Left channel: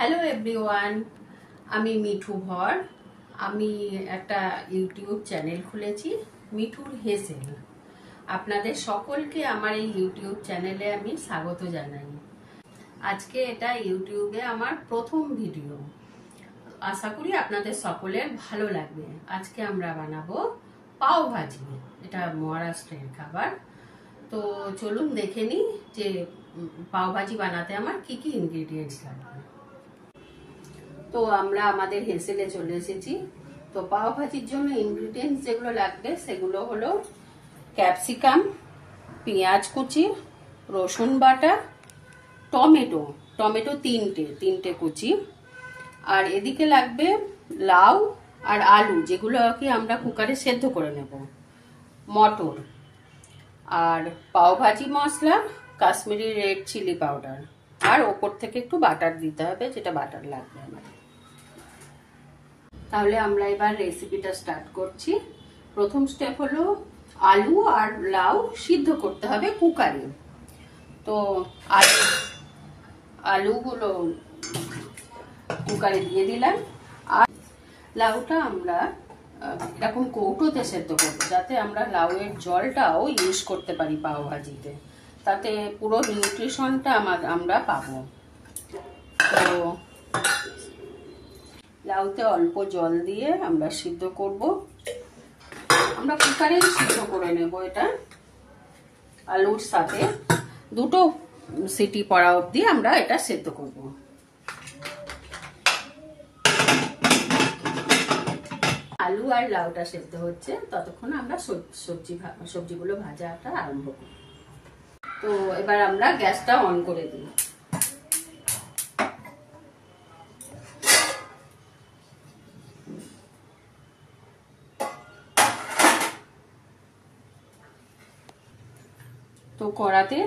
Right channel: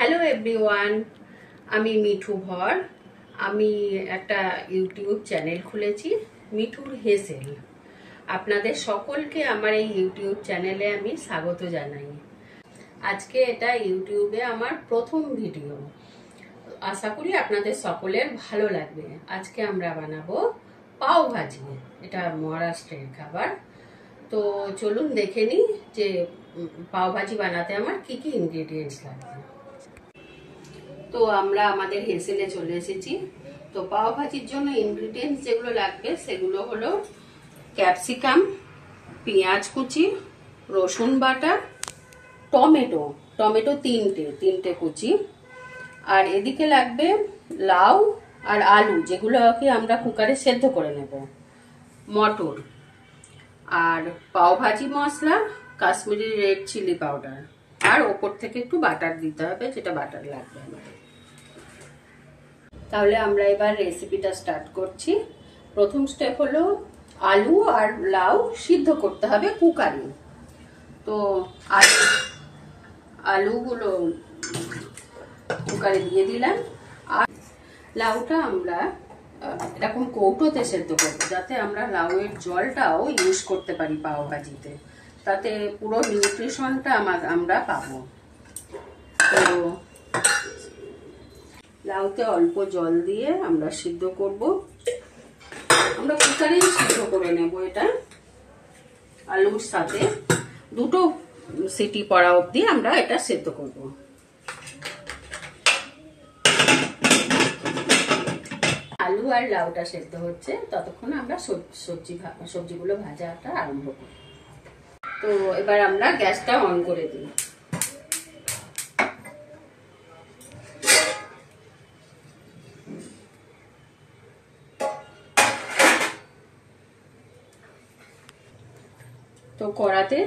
Hello everyone, আমি মিঠু ভর। আমি একটা ইউটিউব চ্যানেল খুলেছি, মিঠুর হেসেল। আপনাদের সকলকে আমার এই ইউটিউব চ্যানেলে আমি স্বাগত জানাই। আজকে এটা ইউটিউবে আমার প্রথম ভিডিও। আশা করি আপনাদের সকলের ভালো লাগবে। আজকে আমরা বানাবো পাও ভাজি। এটা মহারাষ্ট্রের খাবার। তো চলুন দেখে নিই যে পাও ভাজি বানাতে আমার কি কি ইনগ্রেডিয়েন্টস লাগবে। তো আমরা আমাদের হেসেলে চলে এসেছি। তো পাও ভাজির জন্য ইনগ্রেডিয়েন্টস যেগুলো লাগবে সেগুলো হলো ক্যাপসিকাম, পেঁয়াজ কুচি, রসুন বাটা, টমেটো তিনটে কুচি, আর এদিকে লাগবে লাউ আর আলু, যেগুলোকে আমরা কুকারে সেদ্ধ করে নেব, মটর, আর পাও ভাজি মশলা, কাশ্মীরি রেড চিলি পাউডার, আর ওপর থেকে একটু বাটার দিতে হবে, যেটা বাটার লাগবে আমাদের। তাহলে আমরা এবার রেসিপিটা স্টার্ট করছি। প্রথম স্টেপ হলো আলু আর লাউ সিদ্ধ করতে হবে কুকারে। তো আলুগুলো কুকারে দিয়ে দিলাম, আর লাউটা আমরা এরকম কৌটোতে সেদ্ধ করবো, যাতে আমরা লাউয়ের জলটাও ইউজ করতে পারি পাও ভাজিতে, তাতে পুরো নিউট্রিশনটা আমরা পাবো। তো লাউতে অল্প জল দিয়ে আমরা সিদ্ধ করব। আমরা কুকারেই সিদ্ধ করে নেব এটা। আলুর সাথে দুটো সিটি পড়া অবধি আমরা এটা সিদ্ধ করব। আলু আর লাউটা সিদ্ধ হচ্ছে, ততক্ষণ আমরা সবজিগুলো ভাজাটা আরম্ভ করব। তো এবার আমরা গ্যাসটা অন করে দিই। তো কড়াতে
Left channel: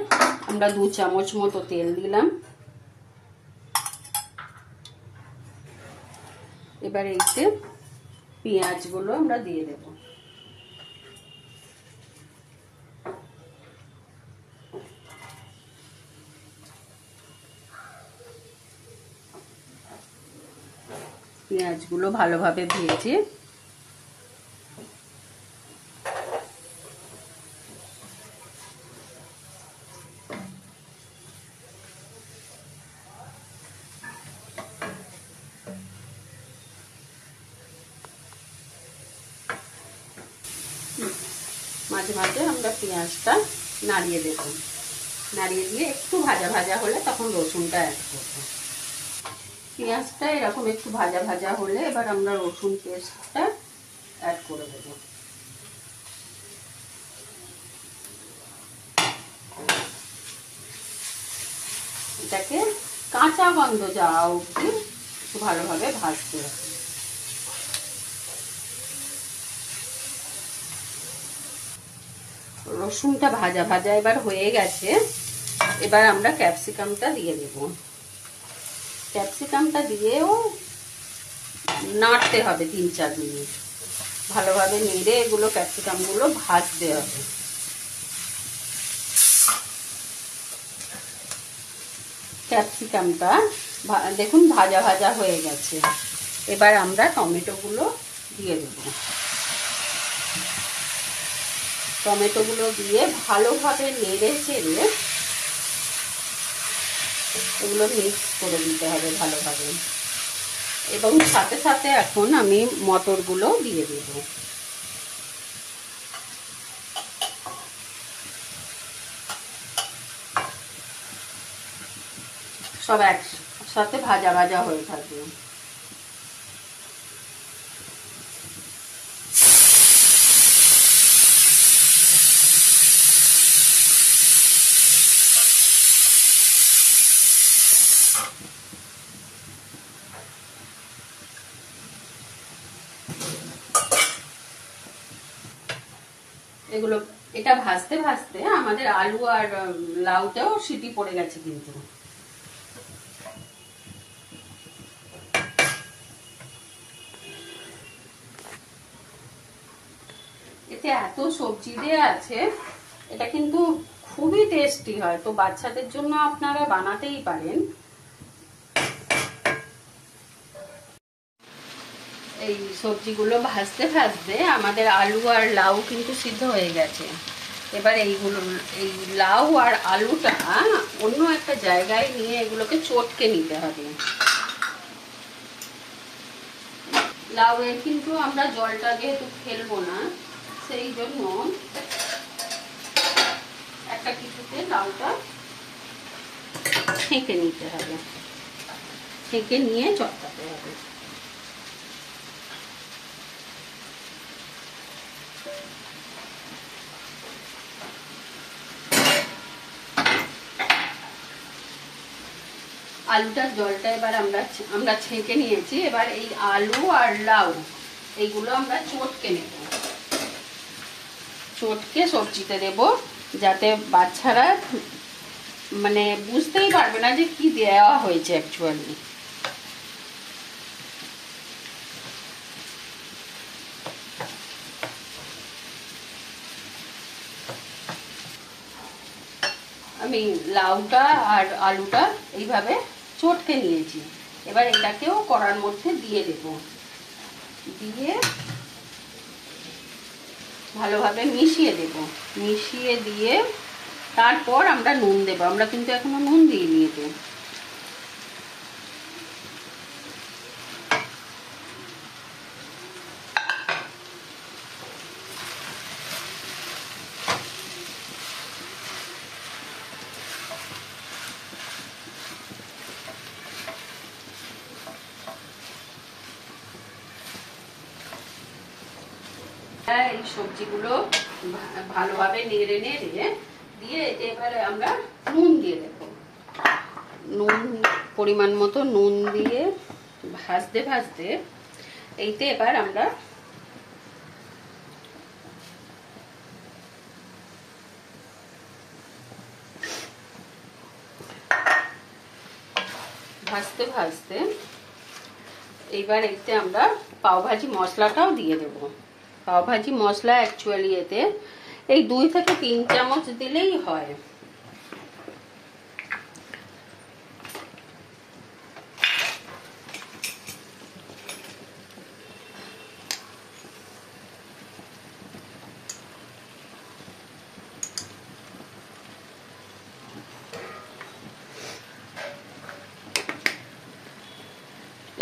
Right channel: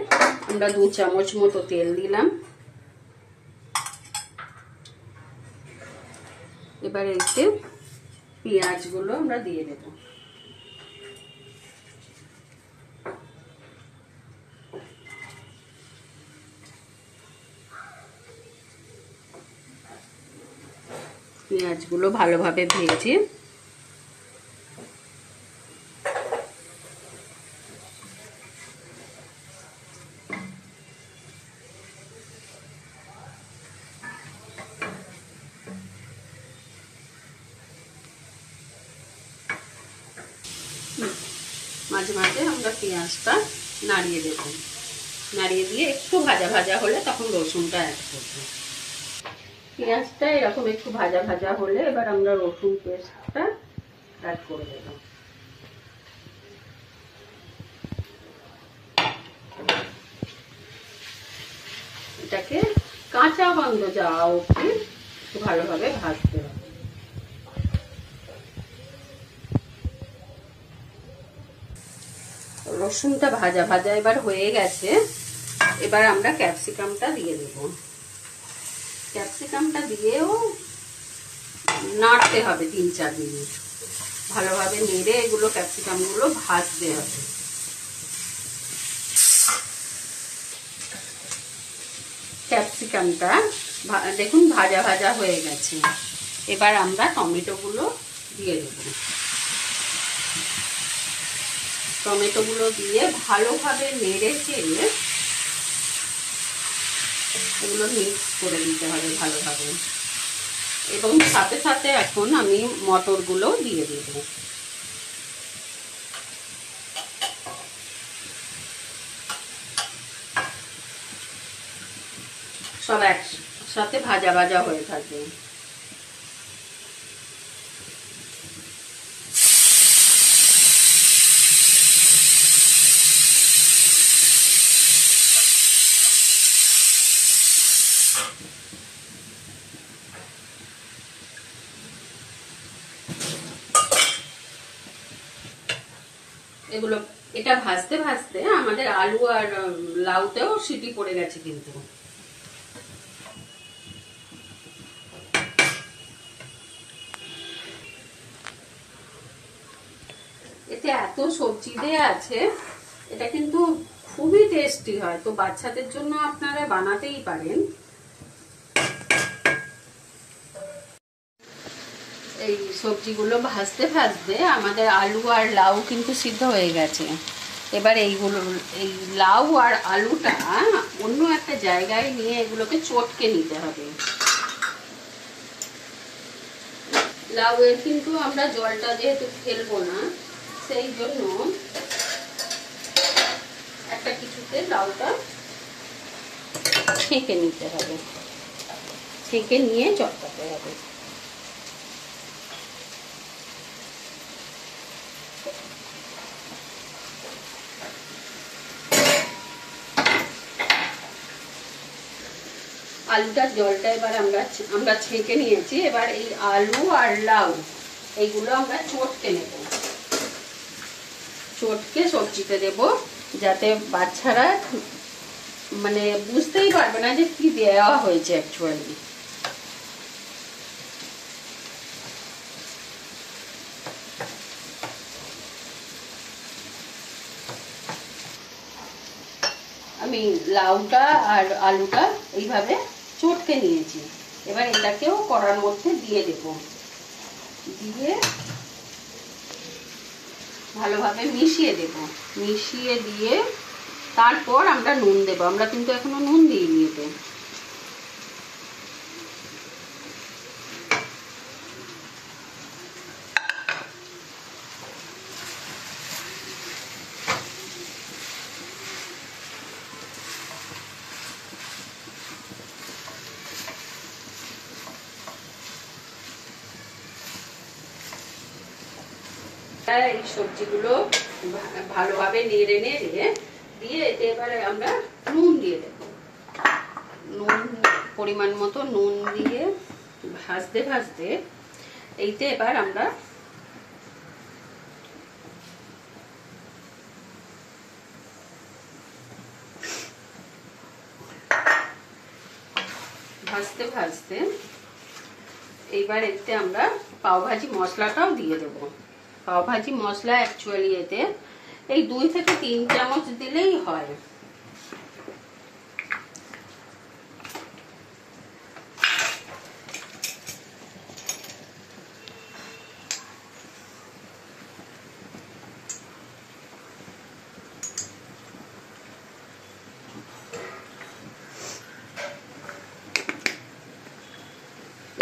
আমরা 2 চামচ মতো তেল দিলাম। এবার এতে পেঁয়াজগুলো আমরা দিয়ে দেব। পেঁয়াজগুলো ভালোভাবে ভেজে মাঝে মাঝে আমরা পেঁয়াজটা নাড়িয়ে দেব। নাড়িয়ে দিয়ে একটু ভাজা ভাজা হলে তখন রসুনটা অ্যাড করব। পেঁয়াজটা এরকম একটু ভাজা ভাজা হলে এবার আমরা রসুন পেস্টটা অ্যাড করে দেব। এটাকে কাঁচা গন্ধ যাওয়া অবধি একটু ভালোভাবে ভাজতে হবে। রসুনটা ভাজা ভাজা এবার হয়ে গেছে। এবার আমরা ক্যাপসিকামটা দিয়ে দেব। ক্যাপসিকামটা দিয়েও নাড়তে হবে 3-4 মিনিট। ভালোভাবে নেড়ে এগুলো ক্যাপসিকামগুলো ভাজতে হবে। ক্যাপসিকামটা দেখুন ভাজা ভাজা হয়ে গেছে। এবার আমরা টমেটোগুলো দিয়ে দেব। টমেটোগুলো দিয়ে ভালোভাবে নেড়ে চেড়ে এগুলো মিক্স করে দিতে হবে ভালোভাবে। এবং সাথে সাথে এখন আমি মটরগুলো দিয়ে দেব। সব একসাথে ভাজা ভাজা হয়ে থাকবে। এগুলো এটা ভাজতে ভাজতে আমাদের আলু আর লাউতেও সিটি পড়ে গেছে। কিন্তু এতে এত সবজি দেয়া আছে, এটা কিন্তু খুবই টেস্টি হয়। তো বাচ্চাদের জন্য আপনারা বানাতেই পারেন। এই সবজিগুলো ভাজতে ভাজতে আমাদের আলু আর লাউ কিন্তু সিদ্ধ হয়ে গেছে। এবার এইগুলো, এই লাউ আর আলুটা অন্য একটা জায়গায় নিয়ে এগুলোকে চটকে নিতে হবে। লাউ এর কিন্তু আমরা জলটা যেহেতু ফেলবো না, সেই জন্য একটা কিছুতে লাউটা ছেঁকে নিতে হবে, ছেঁকে নিয়ে চটকাতে হবে। আলুটার জলটা এবার আমরা ছেঁকে নিয়েছি। এবার এই আলু আর লাউ এইগুলো আমরা চটকে নেব, চটকে সবজিতে দেব, যাতে বাচ্চারা মানে বুঝতেই পারবে না যে কি দেওয়া হয়েছে অ্যাকচুয়ালি। আমি লাউটা আর আলুটা এইভাবে চটকে নিয়েছি। এবার এটাকেও কড়ার মধ্যে দিয়ে দেব, দিয়ে ভালোভাবে মিশিয়ে দেব। মিশিয়ে দিয়ে তারপর আমরা নুন দেব। আমরা কিন্তু এখনো নুন দিইনি এতে। এই সবজিগুলো ভালোভাবে নেড়ে নেড়ে দিয়ে এবারে আমরা নুন দিয়ে দেব। নুন পরিমাণ মতো নুন দিয়ে ভাজতে ভাজতে এইতে এবার আমরা ভাজতে ভাজতে এইবার এতে আমরা পাওভাজি মশলাটাও দিয়ে দেব। পাওভাজি মশলা অ্যাকচুয়ালি এতে এই 2 থেকে 3 চামচ দিলেই হয়।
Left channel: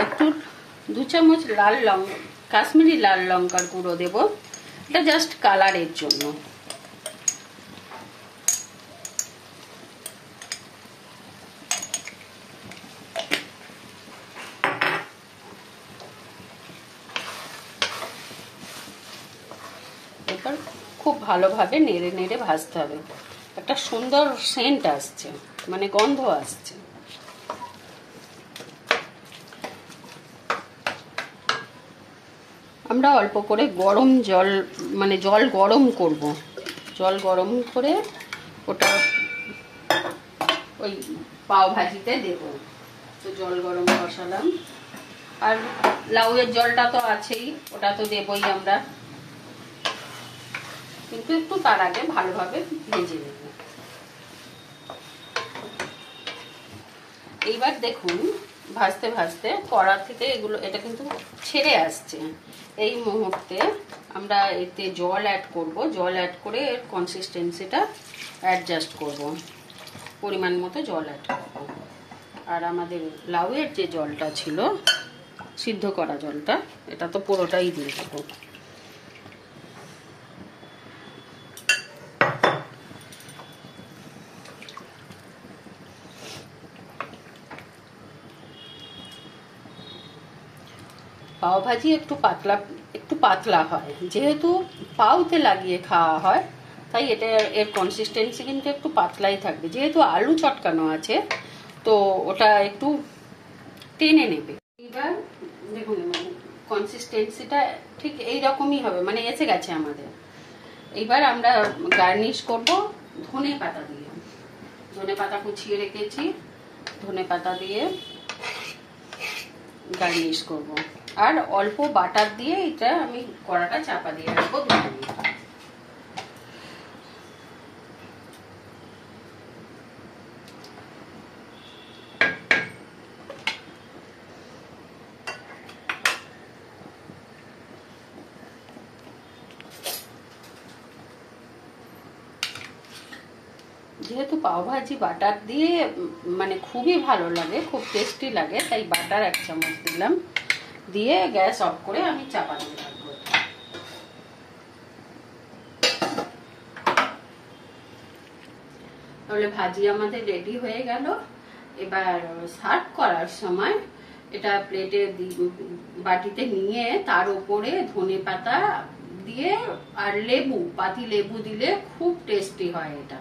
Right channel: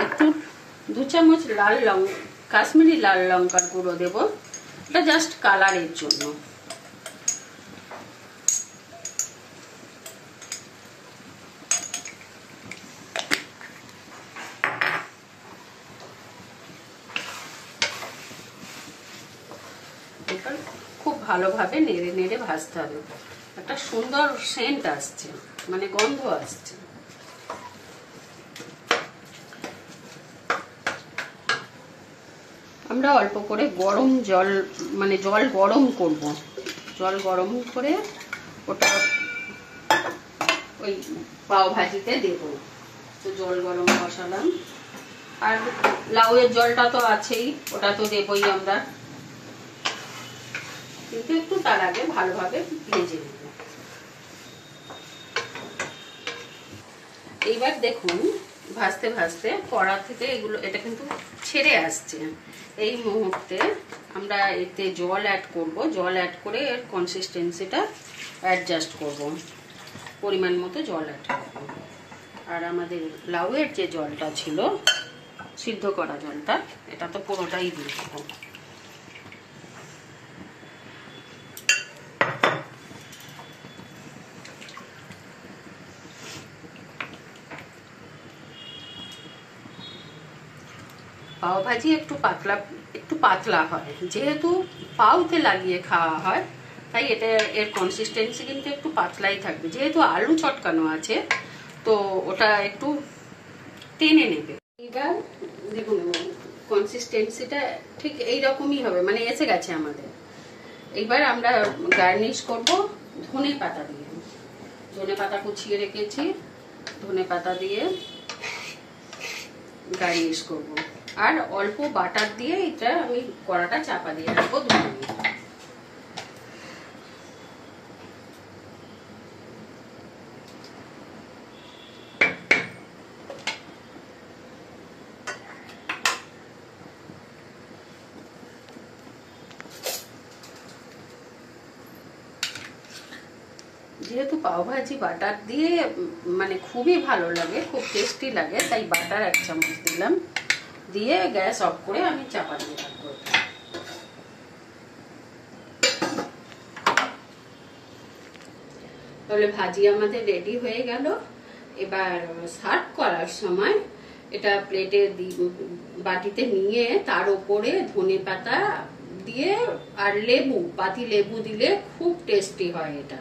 একটু 2 চামচ কাশ্মীরি লাল লঙ্কার গুঁড়ো দেব, এটা জাস্ট কালারের জন্য। এবার খুব ভালোভাবে নেড়ে নেড়ে ভাজতে হবে। একটা সুন্দর সেন্ট আসছে, মানে গন্ধ আসছে। আমরা অল্প করে গরম জল, মানে জল গরম করব। জল গরম করে ওটা ওই পাও ভাজিতে দেব। তো জল গরম বসালাম, আর লাউয়ের জলটা তো আছেই, ওটা তো দেবই আমরা, কিন্তু একটু তার আগে ভালোভাবে ভেজে নেব। এইবার দেখুন ভাজতে ভাজতে কড়া থেকে এটা কিন্তু ছেড়ে আসছে। এই মুহূর্তে আমরা এতে জল অ্যাড করব। জল অ্যাড করে এর কনসিস্টেন্সিটা অ্যাডজাস্ট করব, পরিমাণ মতো জল অ্যাড করব। আর আমাদের লাউয়ের যে জলটা ছিল, সিদ্ধ করা জলটা, এটা তো পুরোটাই দিয়ে দেবো। পাও ভাজি একটু পাতলা হয়, যেহেতু পাউতে লাগিয়ে খাওয়া হয়, তাই এটা এর কনসিস্টেন্সি কিন্তু একটু পাতলাই থাকবে। যেহেতু আলু চটকানো আছে, তো ওটা একটু টেনে নেবে। এবার দেখুন কনসিস্টেন্সিটা ঠিক এইরকমই হবে, মানে এসে গেছে আমাদের। এইবার আমরা গার্নিশ করব ধনে পাতা দিয়ে। ধনে পাতা কুচিয়ে রেখেছি, ধনে পাতা দিয়ে গার্নিশ করব। আর অল্প বাটার দিয়ে এটা আমি কড়াটা চাপা দিয়ে রাখবো 2 মিনিট। যেহেতু পাওভাজি বাটার দিয়ে মানে খুবই ভালো লাগে, খুব টেস্টি লাগে, তাই বাটার 1 চামচ দিলাম। দিয়ে গ্যাস অফ করে আমি চাপা দিয়ে রাখবো। তাহলে ভাজি আমাদের রেডি হয়ে গেল। এবার সার্ভ করার সময় এটা প্লেটে বাটিতে নিয়ে তার উপরে ধনেপাতা দিয়ে আর লেবু, পাতি লেবু দিলে খুব টেস্টি হয় এটা।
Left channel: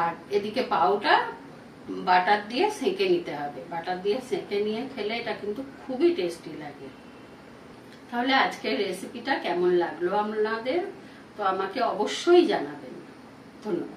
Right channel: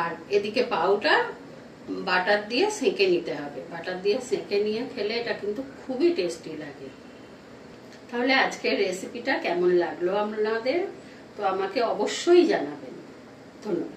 আর এদিকে পাউটা বাটার দিয়ে সেঁকে নিতে হবে, বাটার দিয়ে সেঁকে নিয়ে খেলে এটা কিন্তু খুবই টেস্টি লাগে। তাহলে আজকের রেসিপিটা কেমন লাগলো আপনাদের, তো আমাকে অবশ্যই জানাবেন। ধন্যবাদ।